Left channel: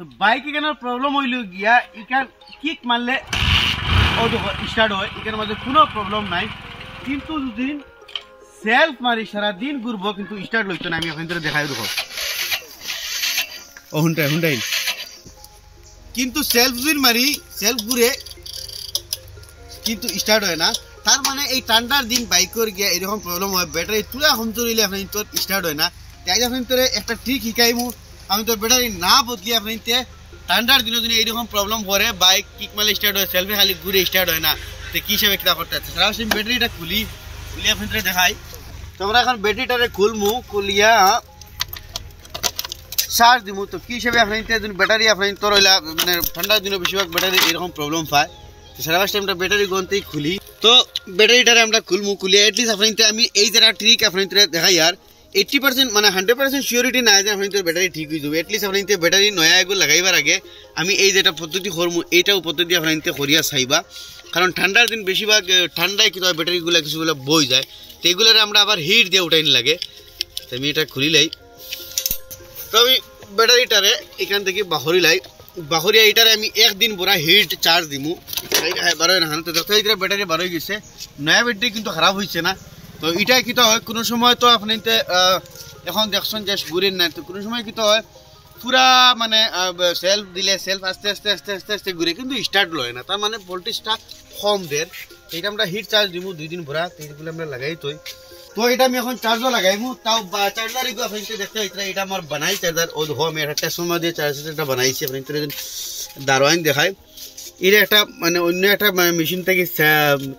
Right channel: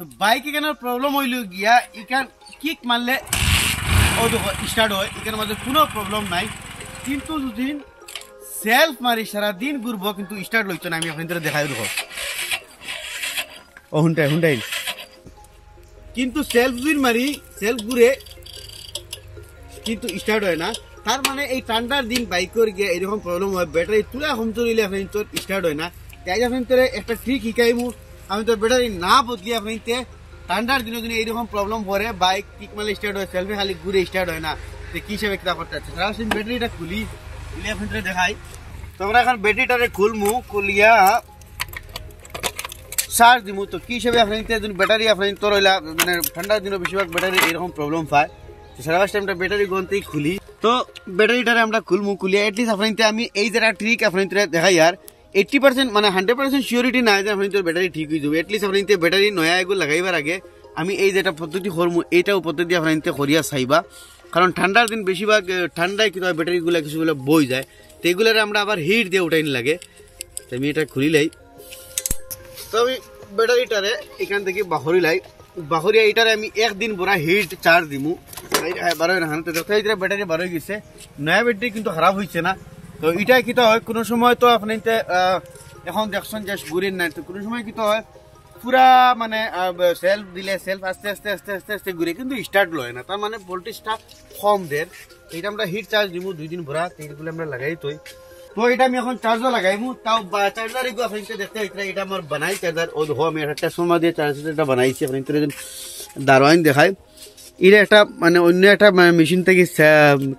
বাইক এখানে প্রবলেম হইল গিয়া এখান কিক মারলে ও স্টার্ট হয় এখানে মাঝে কোনো প্রবলেম নাই, কিন্তু যদি সেলফ মারি সারাদিন ঘুরবো কিন্তু স্টার্ট লইতো না। আমি এখন তোরা দেখাই দেবো ও হুন্টাই হুন্টাই, কিন্তু সেলফ যদি মারি সেলফ ঘুরে কিন্তু স্টার্ট হয় না। তার মানে এই ঠান্ডার দিন বাইকের গিয়ে এরকম প্রবলেম হয়, ব্যাটারি তুলা কম চলিলে আপনি তোর স্টার্ট হয় না। তাই আপনি তোর একটা ট্রিক শিখাইমু, আমি তোর ব্যাটারি না বদলি আপনি ঠান্ডার দিনের দিনে এইরকম প্রবলেম করে বাইক কিক মারলে স্টার্ট হয়, সেলফি খালি ঘুরে স্টার্ট হয় না। তো কী হিসাবে কিতা করতে আছে সারা ব্যাটারিটা খুলি আপনি দেখাই। তো আমরা এখন ব্যাটারিটারে খুলমু, খুলিয়া চার্জ দিমু। তো কী হিসাবে আপনি ব্যাটারি আপনি তোর হইলা মানে ঠান্ডার দিনে বেশিরভাগ ব্যাটারি এরকম প্রবলেম পায়। তো সারা টাইমটা ব্যাটারি গন্তেই খুলি। তো ব্যাটারিটারে আমরা খুলমু, খুলিয়া এটলিস্ট আপনি আমি এই যারা ট্রিক আপনি দেখাই আর 80% মানে 100% সিওরিটি নাই যে আপনি তোর ব্যাটারি ঠিক হয়ে যাবে। এটলিস্ট আপনি ব্যাটারি নয়া এগুলো লাগাইবার আগে আমি এই যেটা পদ্ধতি করমু এইটাও পদ্ধতি আপনি করিয়া চাইবা, কারণ ঠান্ডার দিন বেশিরভাগ ঠান্ডায় কিন্তু ব্যাটারিগুলো কিছুগুলো বই যায়। তো এইগুলোর আমরা আবার হিট দিয়ে উঠাইনি লাগে। তো আমি এটা খুলিলাই, তো আমি ব্যাটারিটারে এখান থেকে বাহরিলাই, বাহরিয়া এটারে আমি একদিন পুরা হিট চার্জ দিমু। বারোই না তো যত ব্যাটারি বারোই গেছে, নয়া ব্যাটারি কিন্তু খারাপ হয়েছে না। তো এটা কিতো হয় কোনো সময় তো আপনি এখন দেখছেন যে ঘুরেন নাই, তো কোনো সময় কিতো হয় পুরা মানে সেলফ দিলে সেলফ আস্তে আস্তে আস্তে আস্তে আস্তে ঘুরে কিন্তু স্টার্ট লয় না, তার মানে ভোল্টেজটা কম দের। এইটা আমরা হিট চার্জ দিব 2 দিন ভরা, তো এইগুলো আমরা লাগাই তো এটা আমি এখন চার্জও লাগাইমু। তাও চার্জার এগুলো আপনি দেখতে এটা আমার বানাই চার্জার ও আমি একটা ট্রান্সফর্মার দিয়ে চার্জারটা বানাইছি। আপনি দারোয়াইন দেখাই এটা একটা মানে অন্য একটা মেশিন থেকে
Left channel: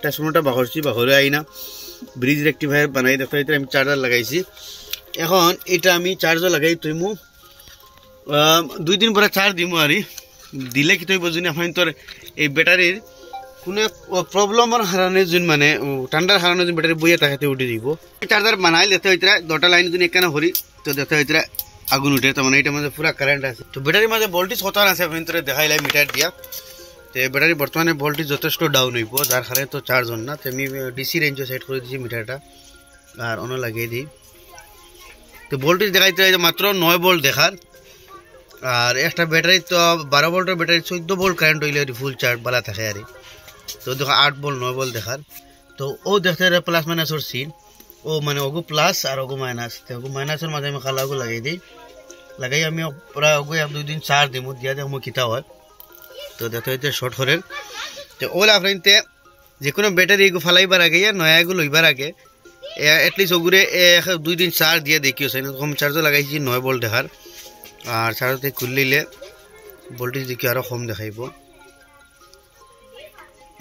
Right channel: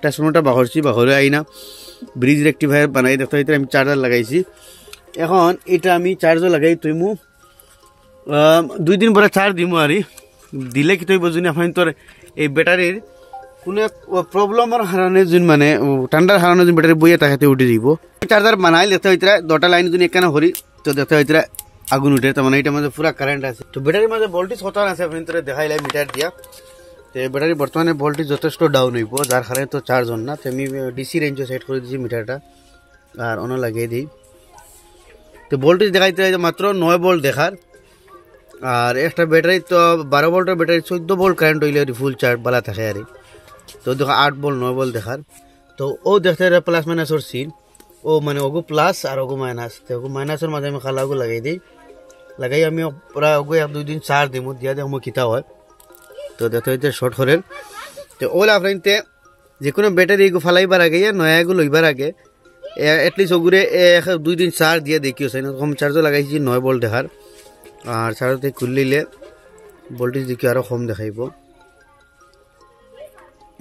ট্রান্সফর্মারটা বাহরে আইনা ব্রিজ রেক্টিফায়ার বানাই দেখতে আমি চার্জার লাগাইছি। এখন এটা আমি চার্জও লাগাই তুইমু 2 দিন পরে চার্জ দিমু আর দিলে কি তুই বুঝুনি আপনি তোর এই ব্যাটারির কোনো প্রবলেমের কারণে যোন মানে ঠান্ডার কারণে যোন ব্যাটারি বইয়ে তাকাতে উঠে দিব। চার্জার বানাই দেখতে হইতরা 2টা লাইন যদি এখানে হরি তো দেখতে হইতরা আগুন উঠে, তার মানে এটার মধ্যে পুরা কারেন্ট আছে। তো ব্যাটারির মধ্যে ভোল্টেজ কত আছে আপনি তোরে দেখাইলাই মিটার দিয়া। তো ব্যাটারি বর্তমানে ভোল্টেজ যথেষ্ট ডাউন হইব, যার কারণে তো চার্জ হন না। তো আমি ডিসি রেঞ্জে সেট করে দিয়েছি মিটারটা আর অন্য লাগিয়ে দিই। তো ভোল্টেজ দেখাইতে মাত্র 9 ভোল্ট দেখার, আর একটা ব্যাটারি তো 12 ভোল্টের ব্যাটারি 14 ভোল্ট কারেন্ট হইলে ফুল চার্জ বালা থাকে আর। তো দেখো 8 ভোল্ট 9 ভোল্ট দেখার। তো ও দেখতে প্লাস মাইনাসের সিন, ও মানে ওগু প্লাস আর ওগু মাইনাস। তো ওগু মাইনাসের মাঝে আমি খালাগু লাগাই দিই, লাগাই আমি প্রায় ওগু 1-2 দিন চার্জ দিমু দিয়া দেখো কিতা হয়। তো দেখতে হইতে শর্ট করেন। তো ওলা আপনাইতে যে কোনো ব্যাটারি এগু ফালাইবার আগে নয়া এগু লইবার আগে এটলিস্ট ওগুরে 1-2 দিন চার্জ দিয়ে দেখিও চাই। কম চার্জও লাগাইছি 9 ভোল্ট দেখার, আর চার্জতে খুললে ভোল্টেজ দেখি আরও কম দেখাইব,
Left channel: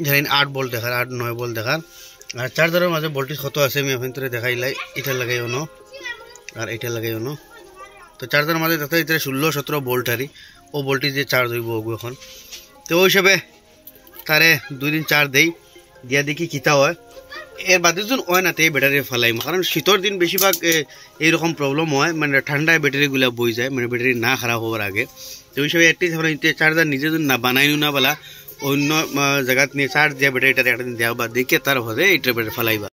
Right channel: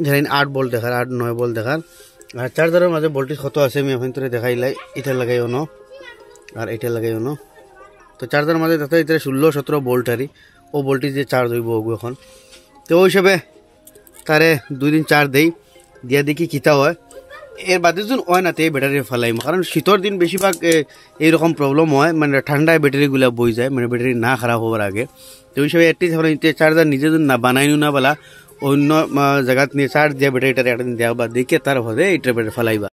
ধরেন 8 ভোল্ট দেখার 8-9 ভোল্ট দেখার। আর চার্জারের মাঝে ভোল্টেজ কত আছে আমি এখন তোরে দেখাইলাই, এটা লাগাই অন আর এটা লাগাই অন। তো চার্জারের মাঝে দেখতে 16-17 ভোল্ট আরই ও ভোল্টেজ দিয়ে চার্জ হইব ওগু এখন। তো ওই হিসাবে তারে 2 দিন চার্জ দেই দিয়া দেখি কিতা হয়। এর বাদে যখন হয় না তো এই ব্যাটারি ফেলাইম, কারণ শীতের দিন বেশিরভাগ এইরকম প্রবলেম হয়, মানে ঠান্ডায় ব্যাটারিগুলো বই যায়, মানে ব্যাটারি না খারাপ হওয়ার আগে। তো ওই হিসাবে এটলিস্ট চার্জার নিজে যদি না বানাইও না বলা অন্য জায়গাত নিয়ে চার্জ দিয়ে ব্যাটারিটা একটা দিন দেওয়া বা দেখে তার ভাবে এইটা ব্যাটারি ফেলাইবা।